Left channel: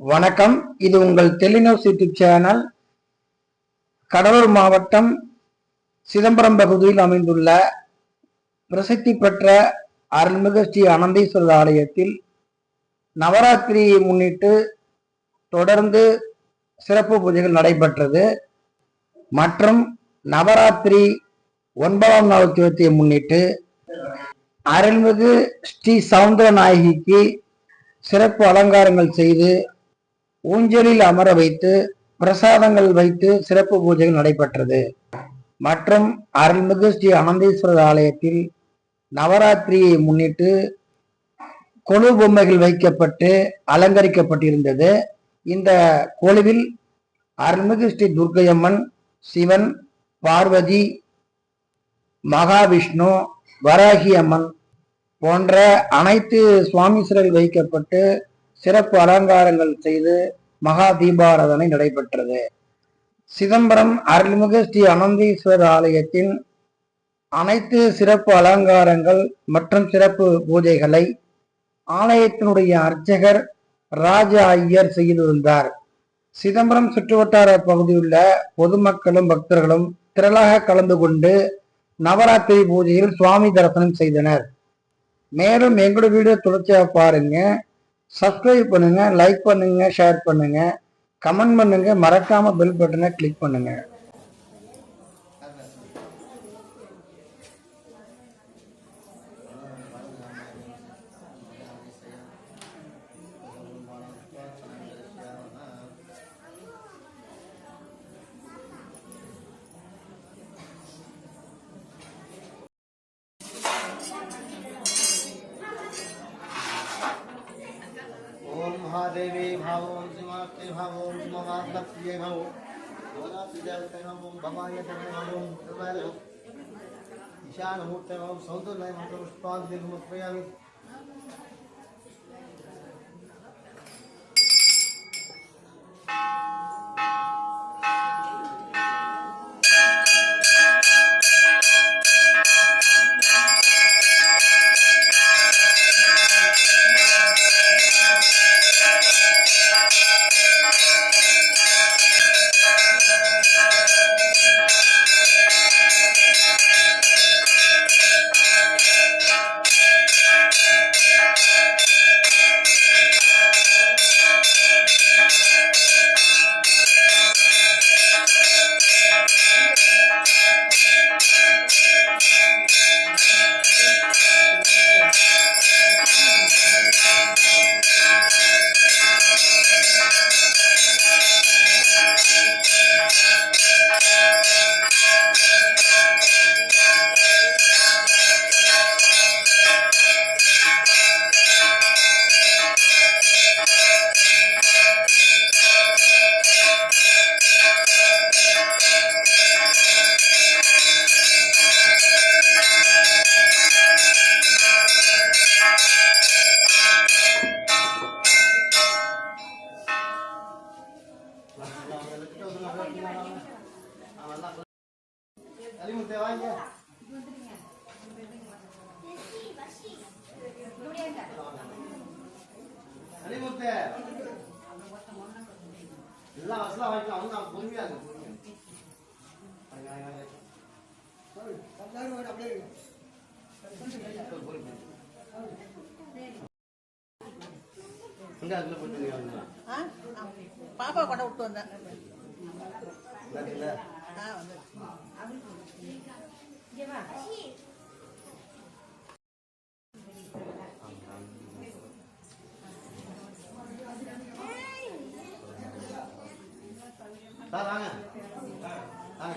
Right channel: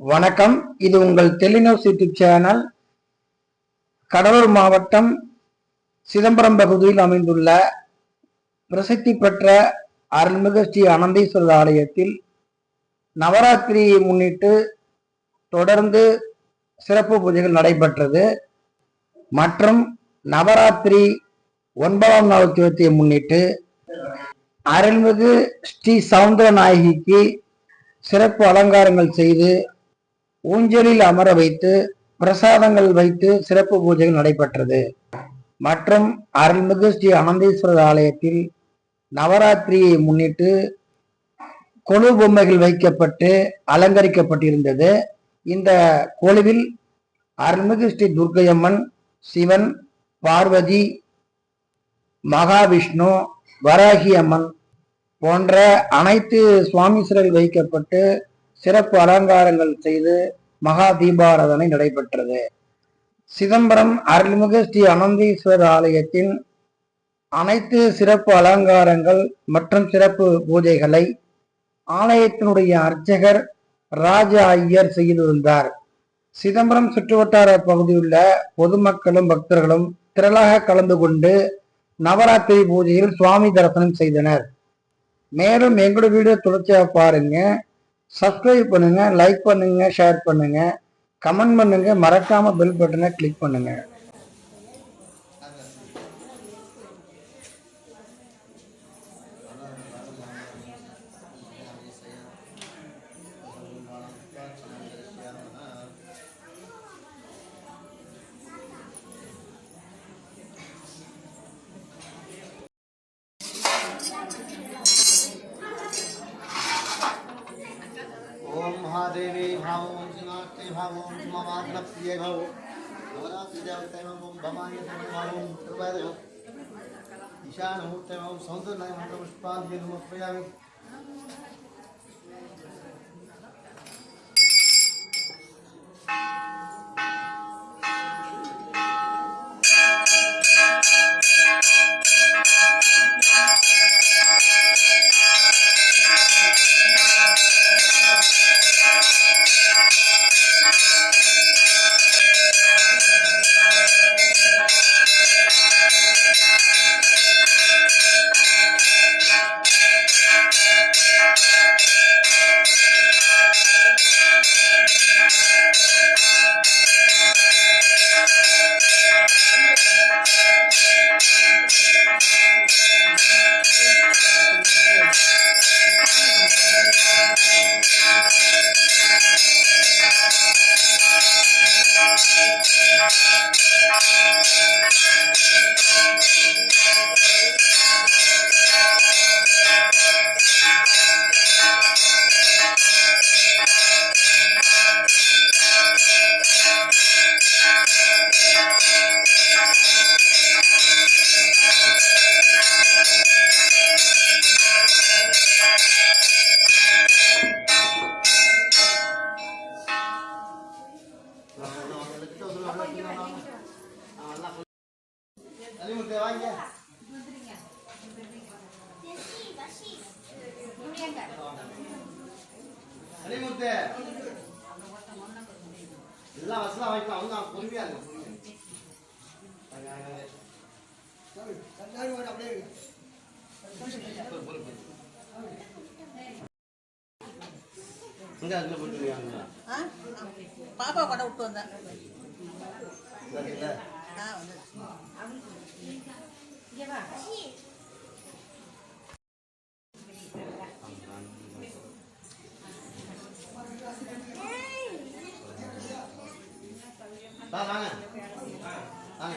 வணக்கம். இது உங்கள் டெலிநியூஸ் யூடியூப் சேனல் கடலூர் மாவட்டம் சிதம்பரம் பகுதியில் அமைந்துள்ள பிரசித்தி பெற்ற அருள்மிகு ஸ்ரீ அனந்தீஸ்வரர் ஆலயத்தில் நவராத்திரியை முன்னிட்டு தொடர்ந்து சிறப்பு பூஜைகள் நடைபெற்றது. மற்றும் நவராத்திரி ஒன்பதாம் நாள் தேதியை முன்னிட்டு அருள்மிகு ஸ்ரீ சவுந்தர நாயகிக்கு சிறப்பு அலங்காரங்கள் செய்து ஊஞ்சலில் அமர வைத்து பிரசாதங்கள் வைத்து சிறப்பு பூஜைகள் நடைபெற்றது. மற்றும் அருள்மிகு ஸ்ரீ ஆனந்தேஸ்வரர் ஆலயத்தில் நவராத்திரியை முன்னிட்டு கொலு பொம்மைகள் வைக்கப்பட்டு அலங்கரிக்கப்பட்டிருந்தது. இந்த கொழுவில் அருள்மிகு ஸ்ரீ துர்க்கையம்மன் சிவன் பார்வதி மகாவிஷ்ணு வராகி அம்மன் போன்ற அனைத்து சுவாமீஸ்வரர்கள் வைக்கப்பட்டு சிறப்பு அலங்காரங்கள் செய்து மகா தீபாராதனை நடைபெற்றது. சிதம்பரம் அருள்மிகு ஸ்ரீ அனந்தீஸ்வரர் ஆலயத்தின் அனைத்து சிறப்பு அலங்காரங்கள் மற்றும் சிறப்பு பூஜைகளை ஆலயத்தினுடைய அர்ச்சகர் ராஜ ஐயர் செய்திருந்தார். சிதம்பரம் சுற்றுவட்டார பகுதியுள்ள பொதுமக்களும் பக்தர்களும் திரளாக கலந்து கொண்டு நவராத்திரி பூஜையில் சுவாமி தரிசனம் செய்தனர். மேலும் எங்களோட வீடியோ தொடர்ச்சியாக பாருங்க. சப்ஸ்கிரைப் பண்ணுங்கள் லைக் பண்ணுங்கள் ஷேர் பண்ணுங்கள் கமெண்ட் பண்ணுங்கள் மறக்காமல் பெல் பட்டனை கிளிக் பண்ணுங்கள் महादेवी भावों श्रीमाते भावों ममात्र प्रिय भाव ईशानमूर्तय भाव सौंदर्य मंत्रपुष्पाभ्यमुत्पयामि அலிமுத்தே எல்லாம் வசலாம் வாங்கிக்கலாம் வந்து அவன் பொறுமையா இருங்க பொறுமையா வாங்க, வாங்க, அங்க போட்டுருக்காங்க? பாப்பா கூட விட்டு வந்தேன் வாங்க. வாங்க.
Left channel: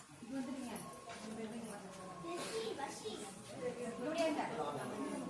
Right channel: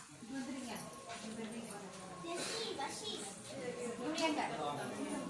ผู้เรียนแบบ